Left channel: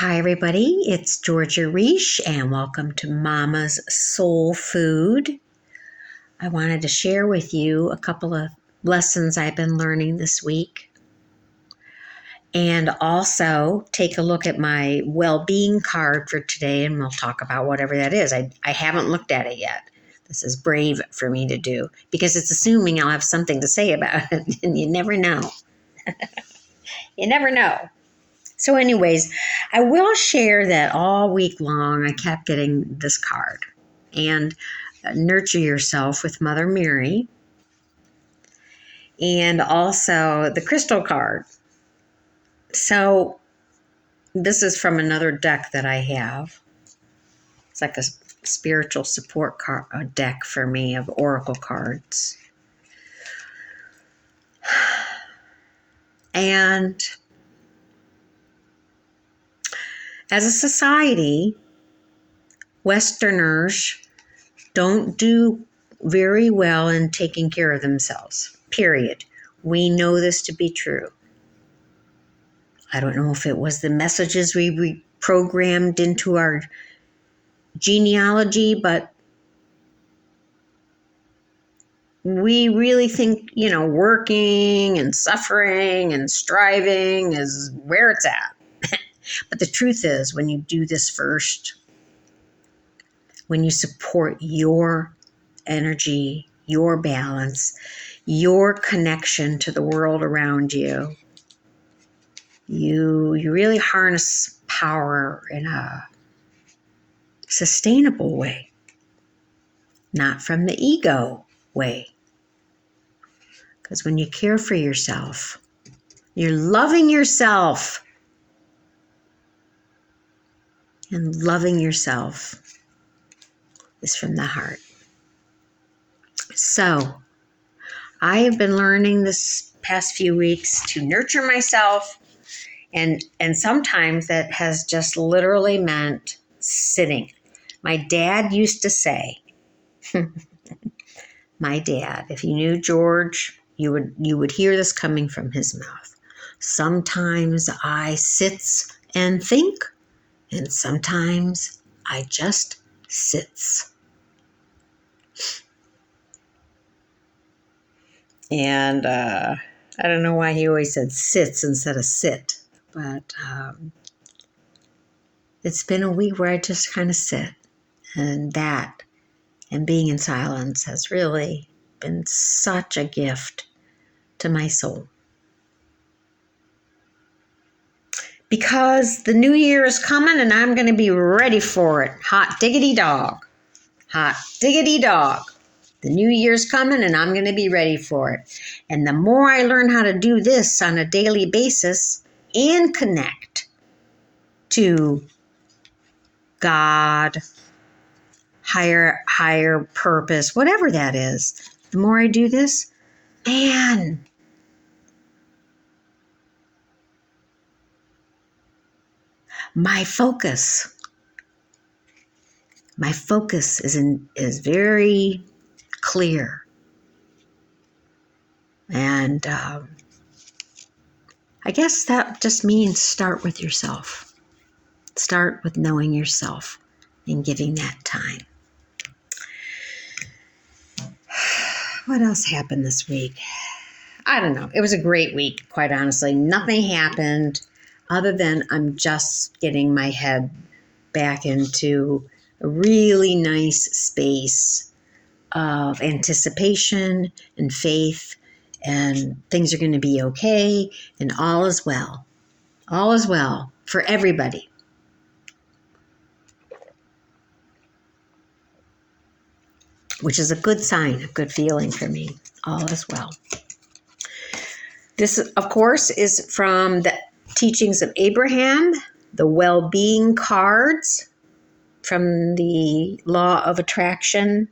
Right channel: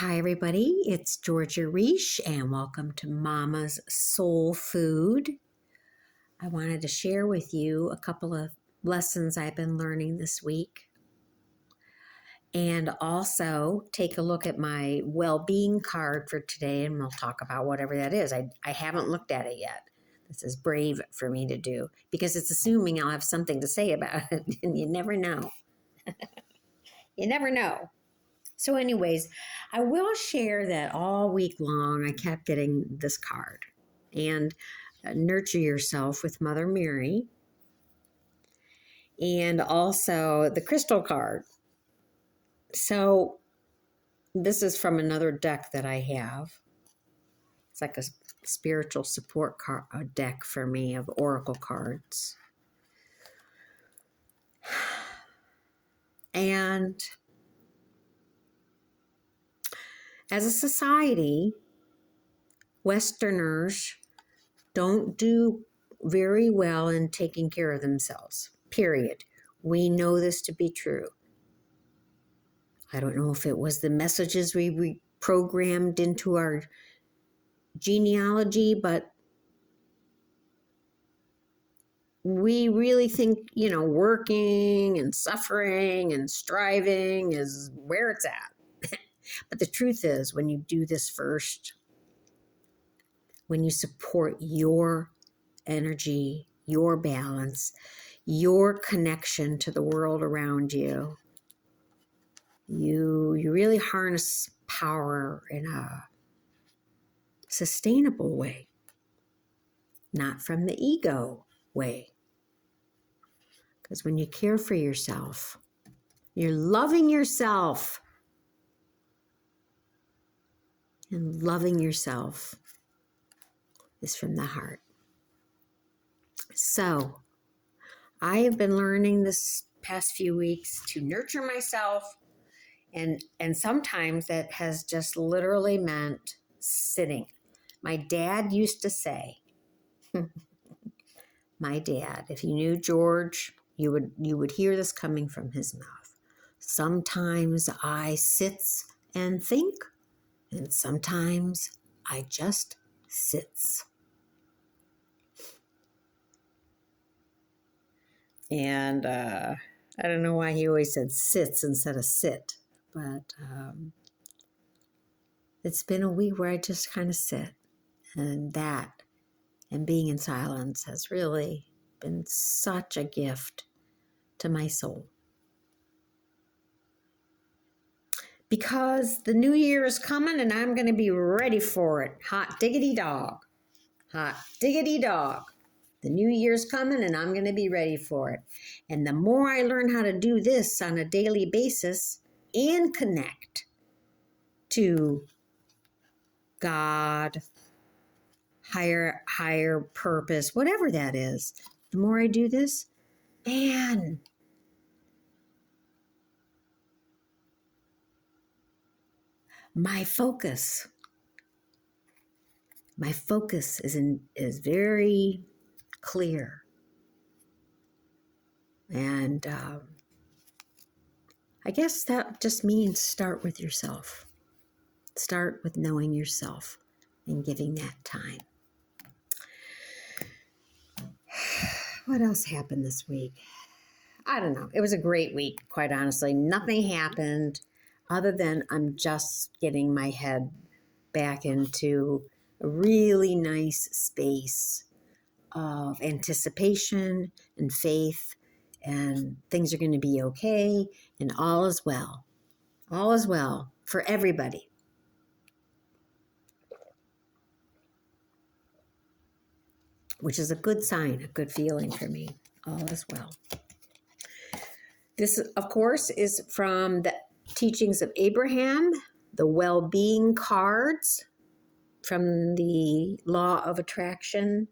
Hi, everybody. It's Georgia Reish, and welcome to Mama's Soul Food. I wanted to share with you a couple of lessons I've been learning this week, and also take a look at my well-being card for today, and we'll talk about whatever that is. I haven't looked at it yet. This is brave for me to do because it's assuming I'll have something to say about it, and you never know. You never know. So anyways, I will share that all week long I kept getting this card and Nurture Yourself with Mother Mary, and also the crystal card. So this is from another deck that I have. It's like a spiritual support card, a deck for me of oracle cards. And as a society, Westerners don't do very well in taking care of themselves, period. We know this to be true. I don't know if it was the messages we programmed into our genealogy, but we really think, working and suffering and striving is where it's at. But the truth is, when you do this first, when you support your energy, your balance, your connection to the world around you, you really harness power in a sustainable way, not from the ego way. Because when you care for yourself, you're loving yourself. And loving yourself is from the heart. So, I have been learning this past few weeks to nurture myself, and sometimes that has just literally meant sitting. My dad used to say, my dad, if you knew George, you would hear this coming from his mouth. Sometimes I sits and think, and sometimes I just sits. And I don't know why he always said sits instead of sit, but it's been a week where I just kind of sit, and being in silence has really been such a gift to my soul. Because the new year is coming and I'm going to be ready for it. Hot diggity dog. Hot diggity dog. The new year's coming and I'm going to be ready for it. And the more I learn how to do this on a daily basis and connect to God, higher purpose, whatever that is, the more I do this, man, my focus is very clear. And I guess that just means start with yourself. Start with knowing yourself and giving that time. What else happened this week? I don't know. It was a great week, quite honestly. Nothing happened other than I'm just getting my head back into a really nice space of anticipation and faith, and things are going to be okay, and all is well. All is well for everybody. Which is a good sign, a good feeling for me. All is well. This, of course, is from the Teachings of Abraham, the well-being cards from the Law of Attraction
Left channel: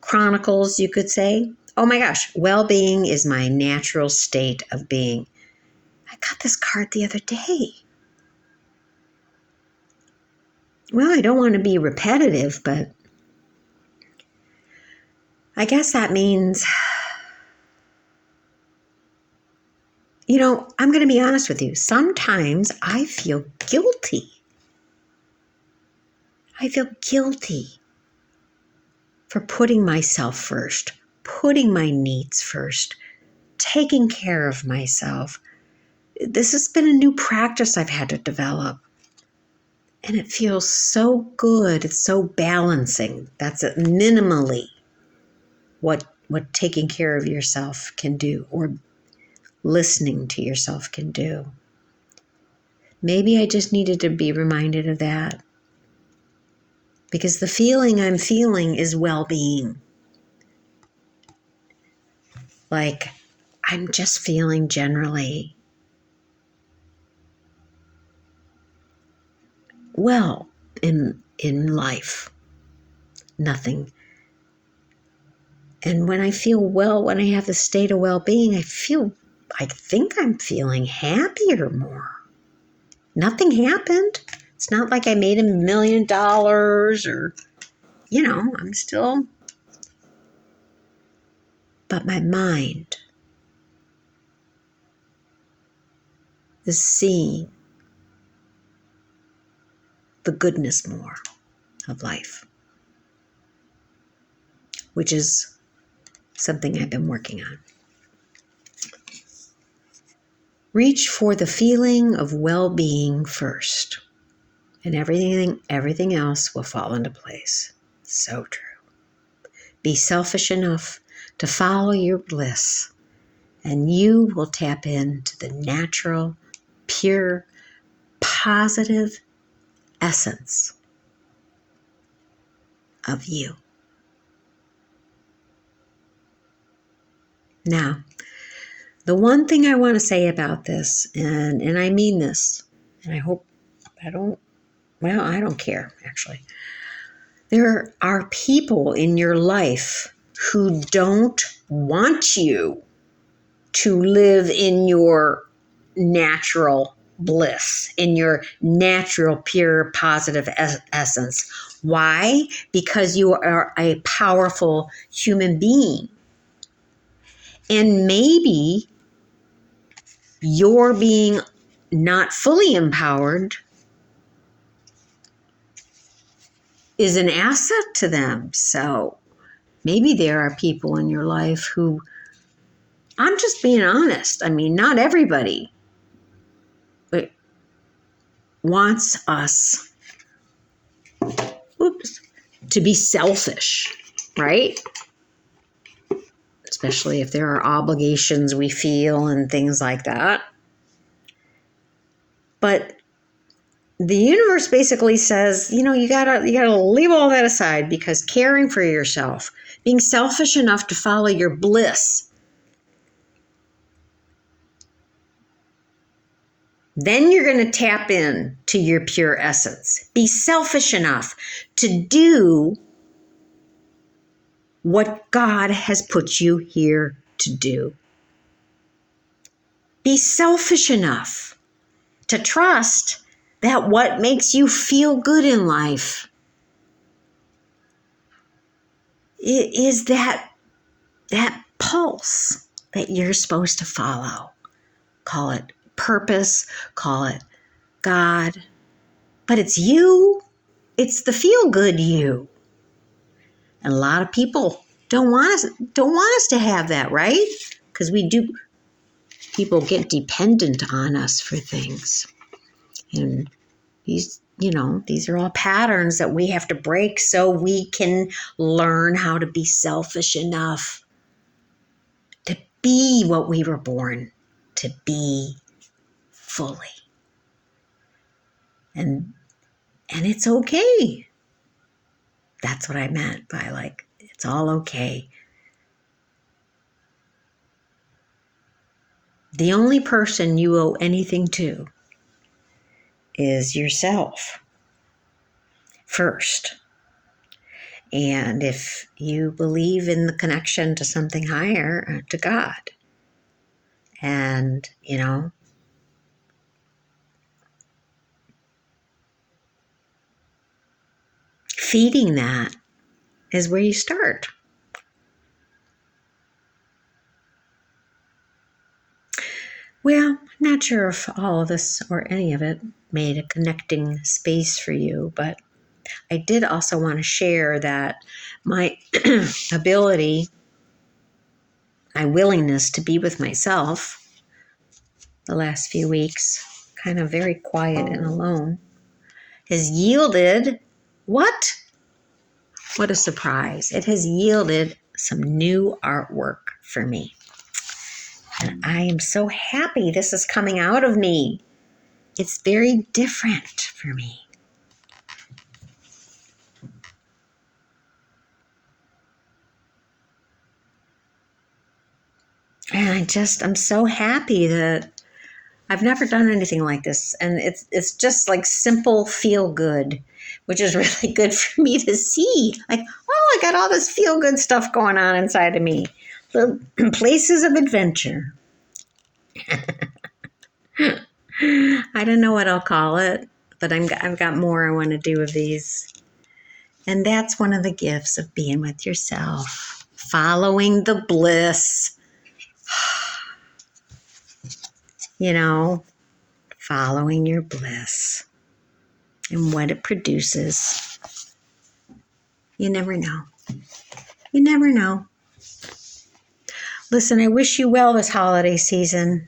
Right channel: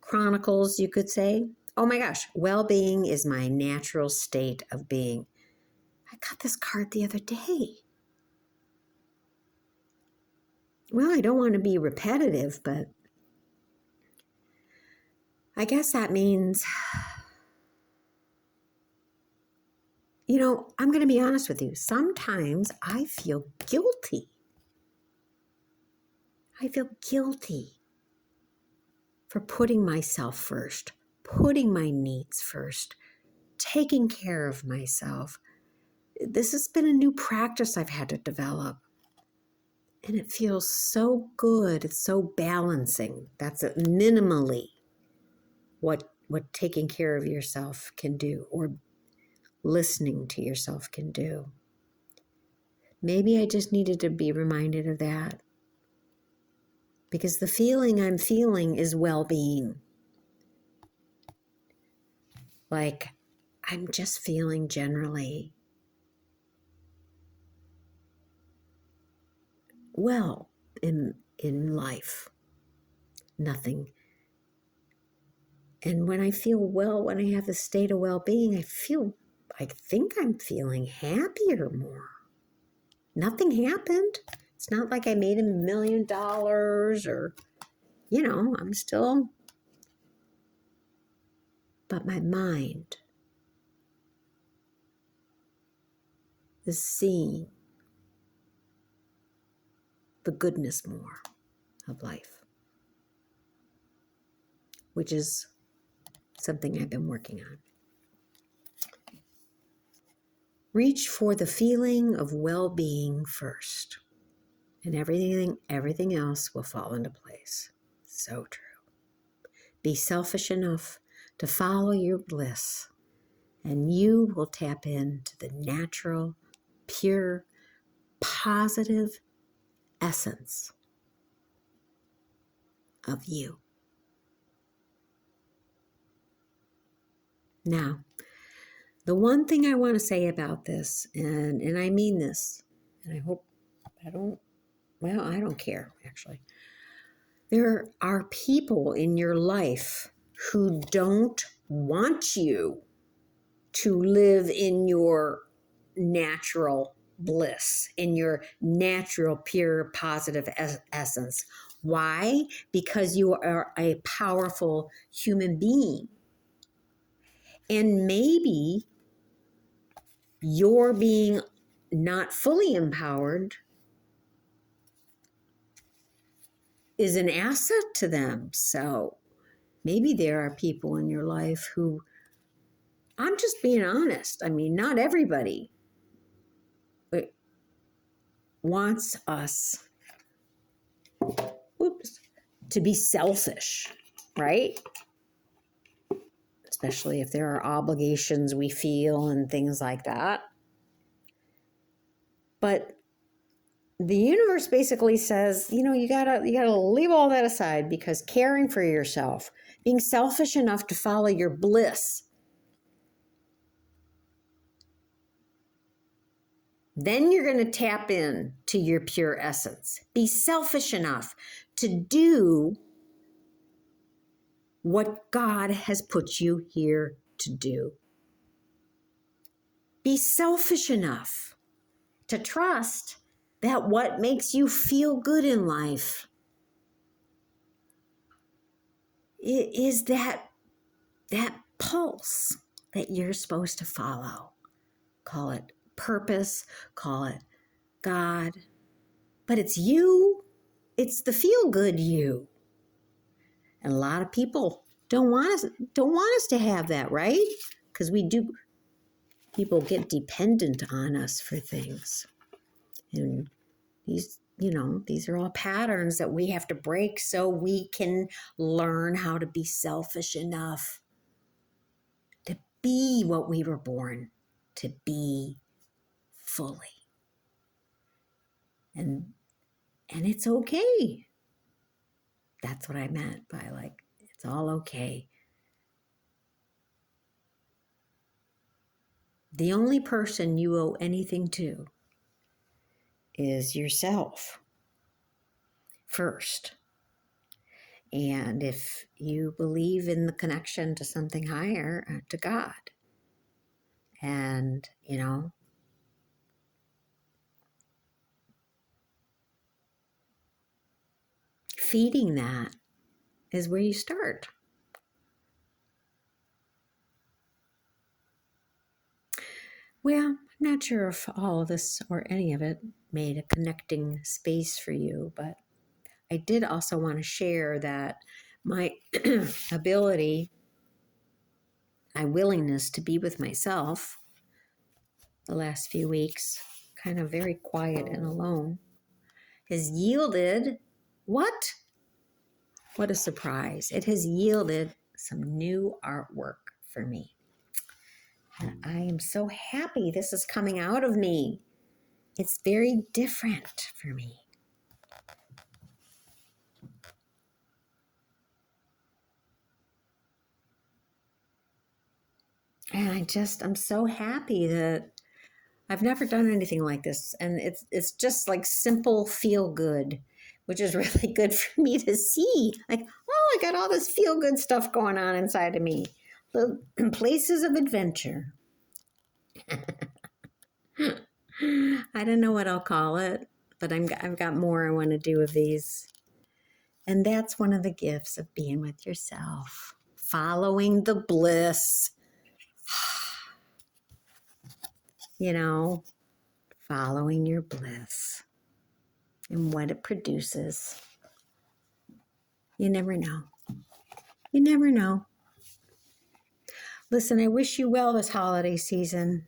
Chronicles, you could say. Oh my gosh, well-being is my natural state of being. I got this card the other day. Well, I don't want to be repetitive, but I guess that means I'm going to be honest with you. Sometimes I feel guilty. I feel guilty for putting myself first, putting my needs first, taking care of myself. This has been a new practice I've had to develop. And it feels so good. It's so balancing. That's it, minimally what taking care of yourself can do, or listening to yourself can do. Maybe I just needed to be reminded of that. Because the feeling I'm feeling is well-being. Like, I'm just feeling generally well in life. Nothing. And when I feel well, when I have the state of well-being, I think I'm feeling happier more. Nothing happened. It's not like I made $1 million or, I'm still. But my mind is seeing the goodness more of life, which is something I've been working on. Reach for the feeling of well-being first, and everything else will fall into place. So true. Be selfish enough to follow your bliss, and you will tap into the natural, pure, positive essence of you. Now, the one thing I want to say about this, and I mean this, and I hope I don't care, actually. There are people in your life who don't want you to live in your natural bliss, in your natural, pure, positive essence. Why? Because you are a powerful human being. And maybe you're being not fully empowered is an asset to them. So maybe there are people in your life who, I'm just being honest. I mean, not everybody wants us, to be selfish, right? Especially if there are obligations we feel and things like that. But the universe basically says, you gotta leave all that aside, because caring for yourself, being selfish enough to follow your bliss, then you're going to tap in to your pure essence. Be selfish enough to do what God has put you here to do. Be selfish enough to trust that what makes you feel good in life is that pulse that you're supposed to follow. Call it purpose, call it God, but it's you. It's the feel good you. And a lot of people don't want us to have that, right? Because people get dependent on us for things. And these are all patterns that we have to break so we can learn how to be selfish enough to be what we were born to be fully. And it's okay. That's what I meant by it's all okay. The only person you owe anything to is yourself first. And if you believe in the connection to something higher, to God, and, feeding that is where you start. Well, I'm not sure if all of this or any of it made a connecting space for you, but I did also want to share that my ability, my willingness to be with myself the last few weeks, kind of very quiet and alone, has yielded what? What a surprise. It has yielded some new artwork for me. And I am so happy this is coming out of me. It's very different for me. And I'm so happy that I've never done anything like this. And it's just like simple feel good, which is really good for me to see. Like, oh, I got all this feel good stuff going on inside of me. Little places of adventure. I don't know what I'll call it, but I've got more I want to do of these. And that's one of the gifts of being with yourself, following the bliss. You know, following your bliss and what it produces. You never know. You never know. Listen, I wish you well this holiday season.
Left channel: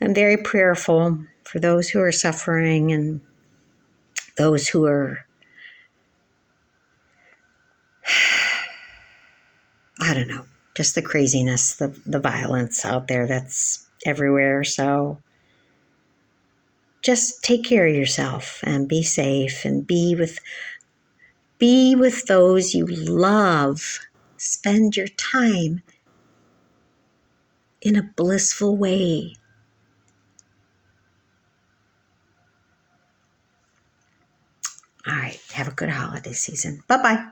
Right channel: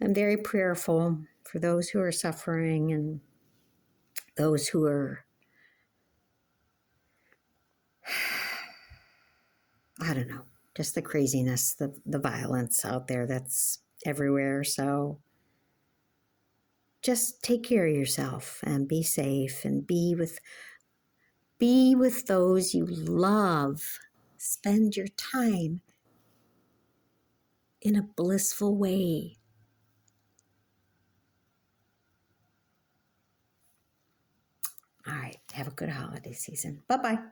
I'm very prayerful for those who are suffering and those who are, I don't know, just the craziness, the violence out there that's everywhere. So just take care of yourself and be safe and be with those you love. Spend your time in a blissful way. All right, have a good holiday season. Bye-bye.